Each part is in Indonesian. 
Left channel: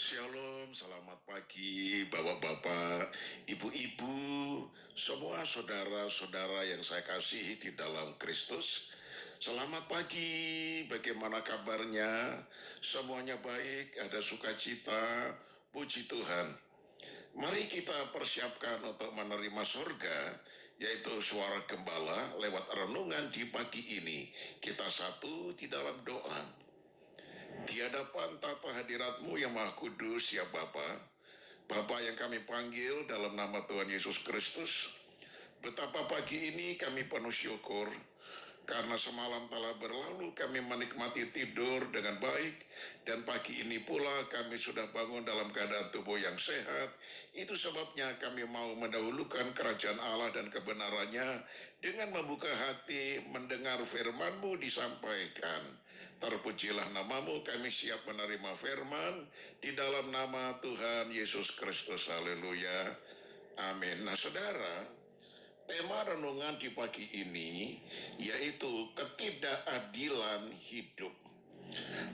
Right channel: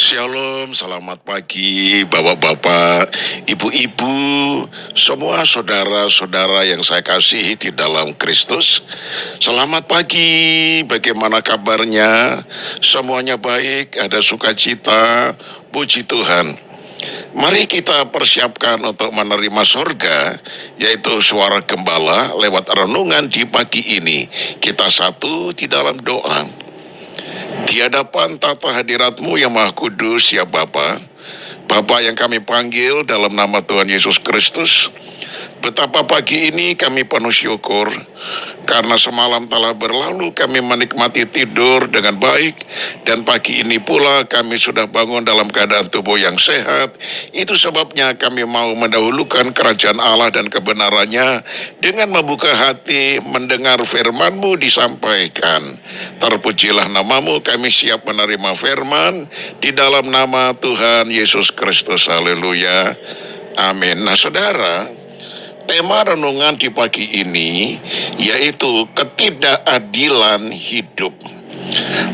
Shalom, selamat pagi Bapak-bapak, Ibu-ibu, semua saudara-saudara yang saya kasihi di dalam Kristus. Selamat pagi, bagaimana kabarnya? Semuanya baik, ada sukacita, puji Tuhan. Mari kita persiapkan untuk menerima surga, yaitu suara gembala lewat renungan di pagi ini. Kita satu di dalam doa. Di hadapan tata hadirat-Mu yang Maha Kudus, ya Bapa, Bapa yang kami panggil dalam nama Tuhan Yesus Kristus, betapa pagi ini kami penuh syukur, karena semalam telah berlalu kami menikmati tidur dengan baik, dan pagi ini pula kami sudah bangun dalam keadaan tubuh yang sehat. Itu sebabnya kami mau mendahulukan kerajaan Allah dan kebenarannya dengan membuka hati mendengar firman-Mu disampaikan. Terpujilah nama-Mu, kami siap menerima firman di dalam nama Tuhan Yesus Kristus. Haleluya. Amin. Nah, saudara, tema renungan di pagi ini yaitu ketidakadilan hidup.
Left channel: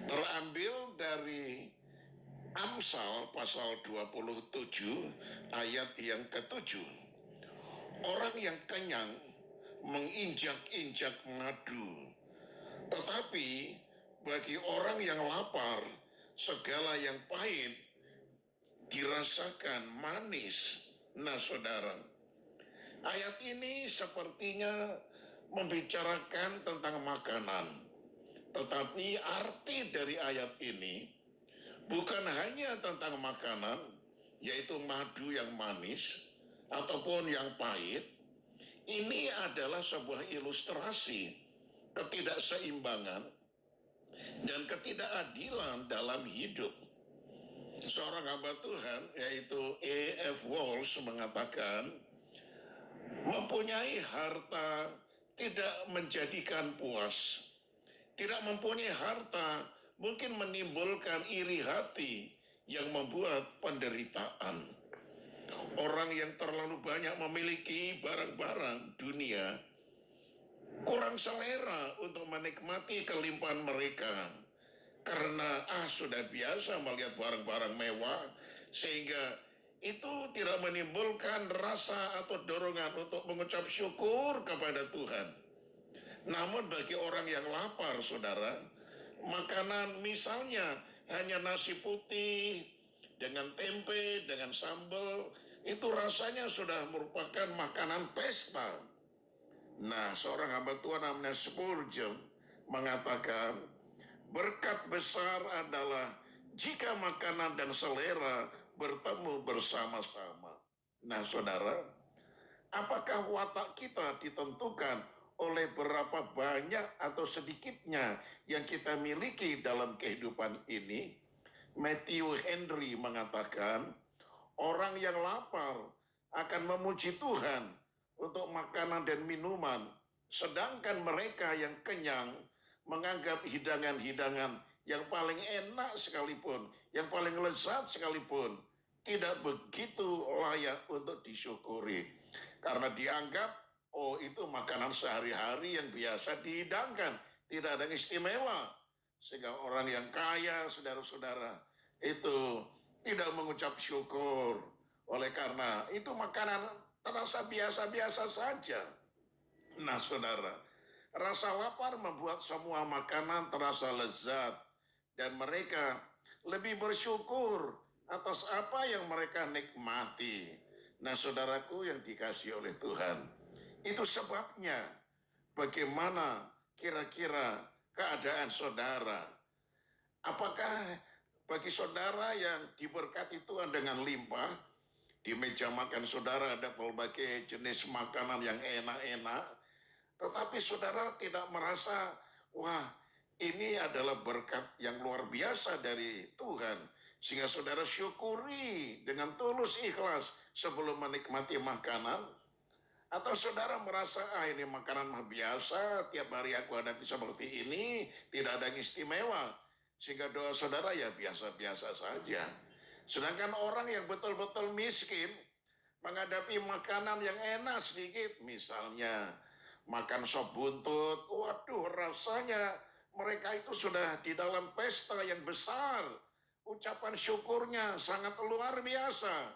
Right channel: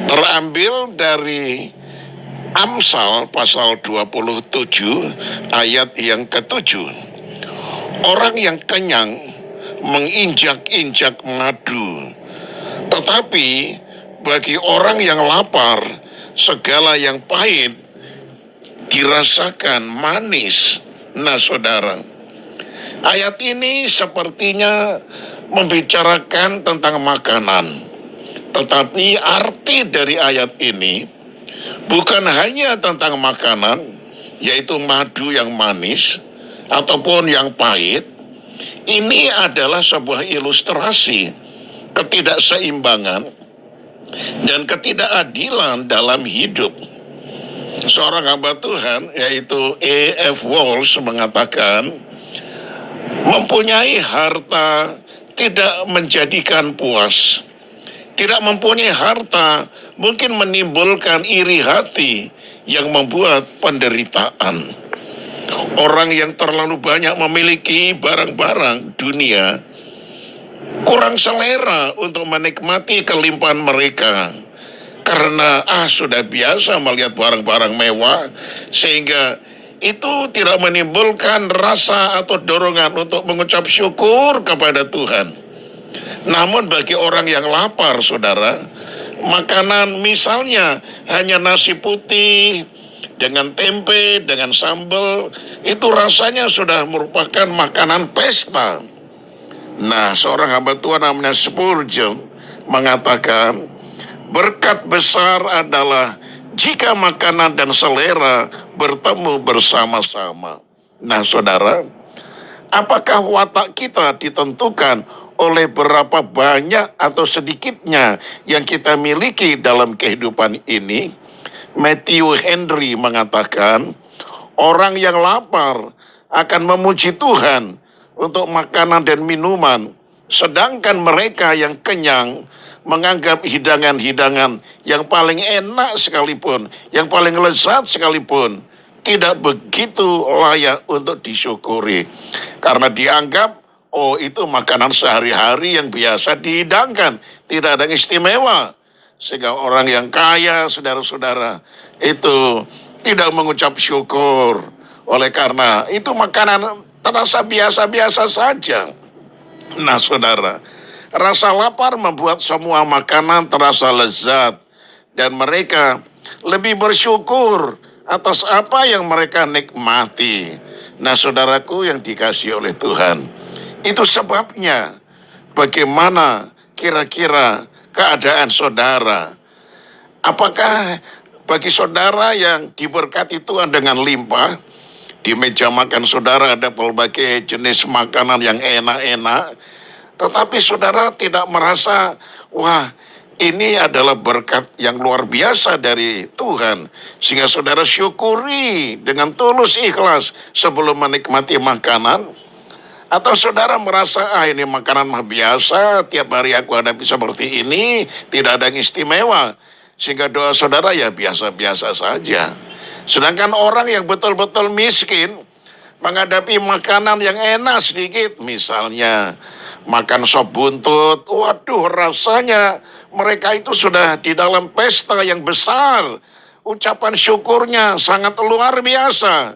Terambil dari Amsal pasal 27 ayat yang ke-7. Orang yang kenyang menginjak-injak madu, tetapi bagi orang yang lapar segala yang pahit dirasakan manis. Nah, saudara, ayat ini sepertinya membicarakan tentang makanan, tetapi arti dari ayat ini bukan hanya tentang makanan, yaitu madu yang manis ataupun yang pahit. Ini adalah sebuah ilustrasi ketidakseimbangan dan ketidakadilan dalam hidup. Seorang hamba Tuhan, yaitu A.F. Walsh, mengatakan, mempunyai harta tidak menjadikan puas. Tidak mempunyai harta mungkin menimbulkan iri hati yang membuat penderitaan. Orang yang terlalu banyak memiliki barang-barang dunia kurang selera untuk menikmati kelimpahan mereka. Karena sudah biasa melihat barang-barang mewah, sehingga itu tidak menimbulkan rasa atau dorongan untuk mengucap syukur kepada Tuhan. Namun bagi orang yang lapar, saudara, makanan misalnya hanya nasi putih dengan tempe, dengan sambal, itu rasanya sudah merupakan makanan pesta. Nah, seorang hamba Tuhan namanya Spurgeon mengatakan, berkat besar adalah jika makanan dan selera bertemu bersama-sama. Nah, saudara, apakah watak kita ditentukan oleh berapa banyak atau sedikitnya yang kita miliki dalam kehidupan ini? Matthew Henry mengatakan, orang yang lapar akan memuji Tuhan untuk makanan dan minuman, sedangkan mereka yang kenyang menganggap hidangan-hidangan yang paling enak sekalipun, yang paling lezat sekalipun, tidak begitu layak untuk disyukuri. Karena dianggap, itu makanan sehari-hari yang biasa dihidangkan, tidak ada yang istimewa. Sehingga orang yang kaya, saudara-saudara, itu tidak mengucap syukur. Oleh karena itu makanan terasa biasa-biasa saja. Nah, saudara, rasa lapar membuat semua makanan terasa lezat, dan mereka lebih bersyukur atas apa yang mereka nikmati. Nah, saudaraku yang dikasihi oleh Tuhan, itu sebabnya bagaimana kira-kira keadaan saudara? Apakah bagi saudara yang diberkati Tuhan dengan limpah, di meja makan saudara ada berbagai jenis makanan yang enak-enak, tetapi saudara tidak merasa, wah, ini adalah berkat yang luar biasa dari Tuhan, sehingga saudara syukuri dengan tulus ikhlas sebelum menikmati makanan? Atau saudara merasa, ini makanan mah biasa, tiap hari aku hadapi seperti ini, tidak ada yang istimewa, sehingga doa saudara ya biasa-biasa saja. Sedangkan orang yang betul-betul miskin menghadapi makanan yang enak sedikit, misalnya makan sop buntut, waduh, rasanya mereka itu sudah di dalam pesta yang besar. ucapan syukurnya sangat luar biasa.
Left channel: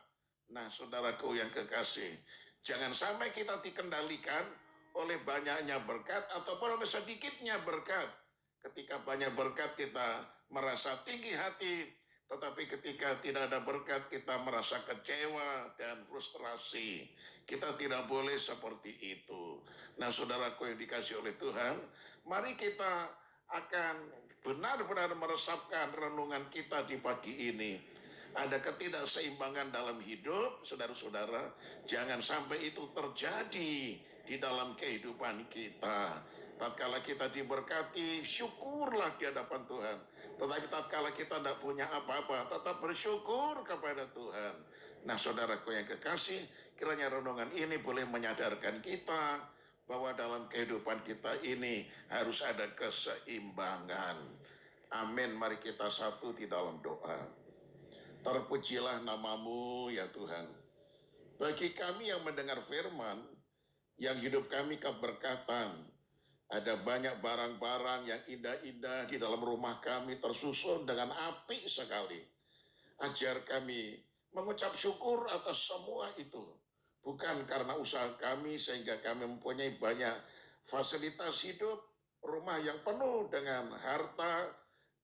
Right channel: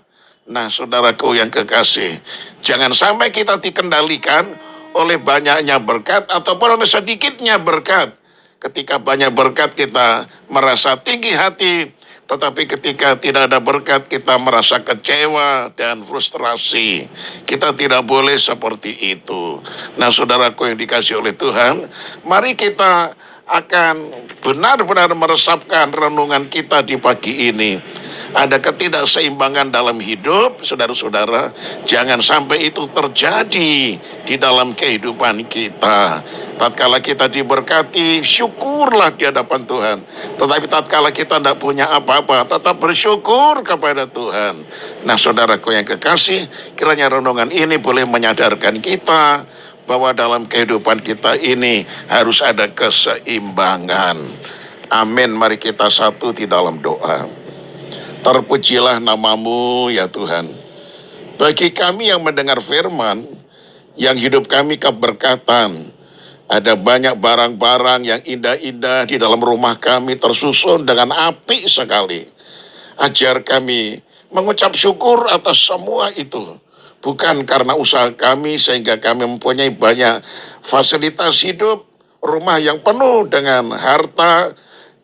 Nah, saudaraku yang kekasih, jangan sampai kita dikendalikan oleh banyaknya berkat ataupun oleh sedikitnya berkat. Ketika banyak berkat kita merasa tinggi hati, tetapi ketika tidak ada berkat kita merasa kecewa dan frustrasi. Kita tidak boleh seperti itu. Nah, saudaraku yang dikasih oleh Tuhan, mari kita akan benar-benar meresapkan renungan kita di pagi ini. Ada ketidakseimbangan dalam hidup, saudara-saudara. Jangan sampai itu terjadi di dalam kehidupan kita. Tatkala kita diberkati, syukurlah di hadapan Tuhan. Tetapi tatkala kita tidak punya apa-apa, tetap bersyukur kepada Tuhan. Nah, saudaraku yang kekasih, kiranya renungan ini boleh menyadarkan kita bahwa dalam kehidupan kita ini harus ada keseimbangan. Amin. Mari kita satu di dalam doa. Terpujilah namamu ya Tuhan. Bagi kami yang mendengar firman, yang hidup kami keberkatan, ada banyak barang-barang yang indah-indah di dalam rumah kami tersusun dengan apik sekali. Ajar kami mengucap syukur atas semua itu. Bukan karena usaha kami sehingga kami mempunyai banyak fasilitas hidup, rumah yang penuh dengan harta,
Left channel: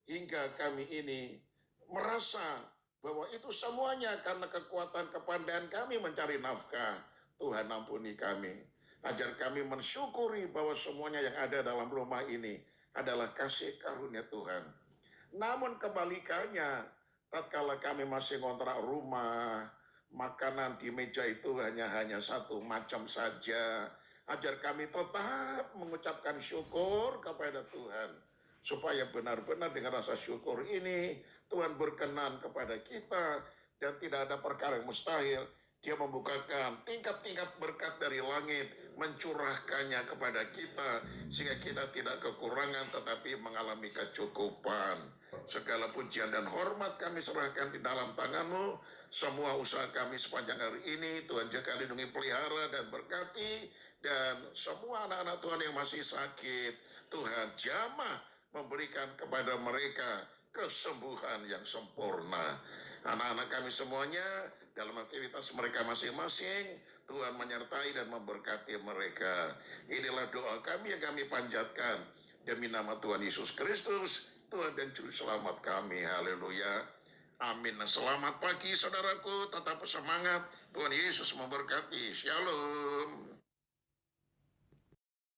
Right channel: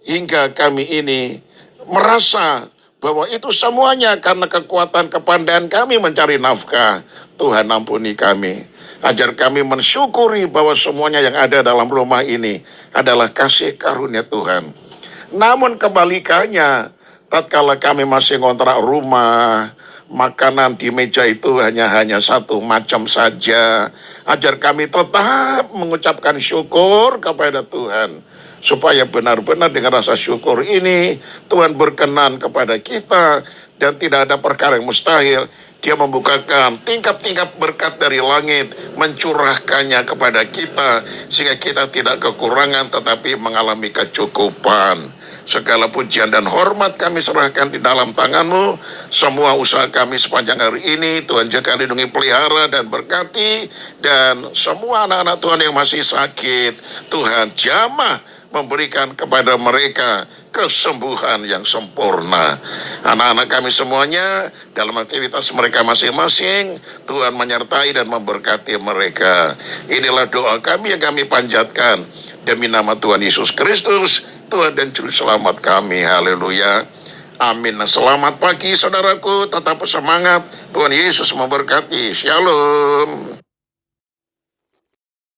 hingga kami ini merasa bahwa itu semuanya karena kekuatan kepandaian kami mencari nafkah. Tuhan ampuni kami. Ajar kami mensyukuri bahwa semuanya yang ada dalam rumah ini adalah kasih karunia Tuhan. Namun kebalikannya, tatkala kami masih ngontrak rumah, makanan di meja itu hanya satu macam saja. Ajar kami tetap mengucapkan syukur kepada Tuhan. Supaya benar-benar dengan rasa syukur ini Tuhan berkenan kepada kita dan tidak ada perkara yang mustahil. Dia membukakan tingkap-tingkap berkat dari langit, mencurahkannya kepada kita sehingga kita tidak kekurangan tetapi mengalami kecukupan. Segala pujian dan hormat kami serahkan di dalam tangan-Mu. Semua usaha kami sepanjang hari ini Tuhan jaga, lindungi, pelihara dan berkati. Dan semua anak-anak Tuhan yang masih sakit, Tuhan jamah memberikan kepada mereka kesembuhan yang sempurna. Anak-anak kami semuanya dalam aktivitas mereka masing-masing, Tuhan menyertai dan memberkati mereka. Inilah doa kami yang kami panjatkan demi nama Tuhan Yesus Kristus, Tuhan dan Juru Selamat kami. Haleluya. Amin. Selamat pagi saudaraku, tetap semangat. Tuhan Yesus memberkati. Shalom.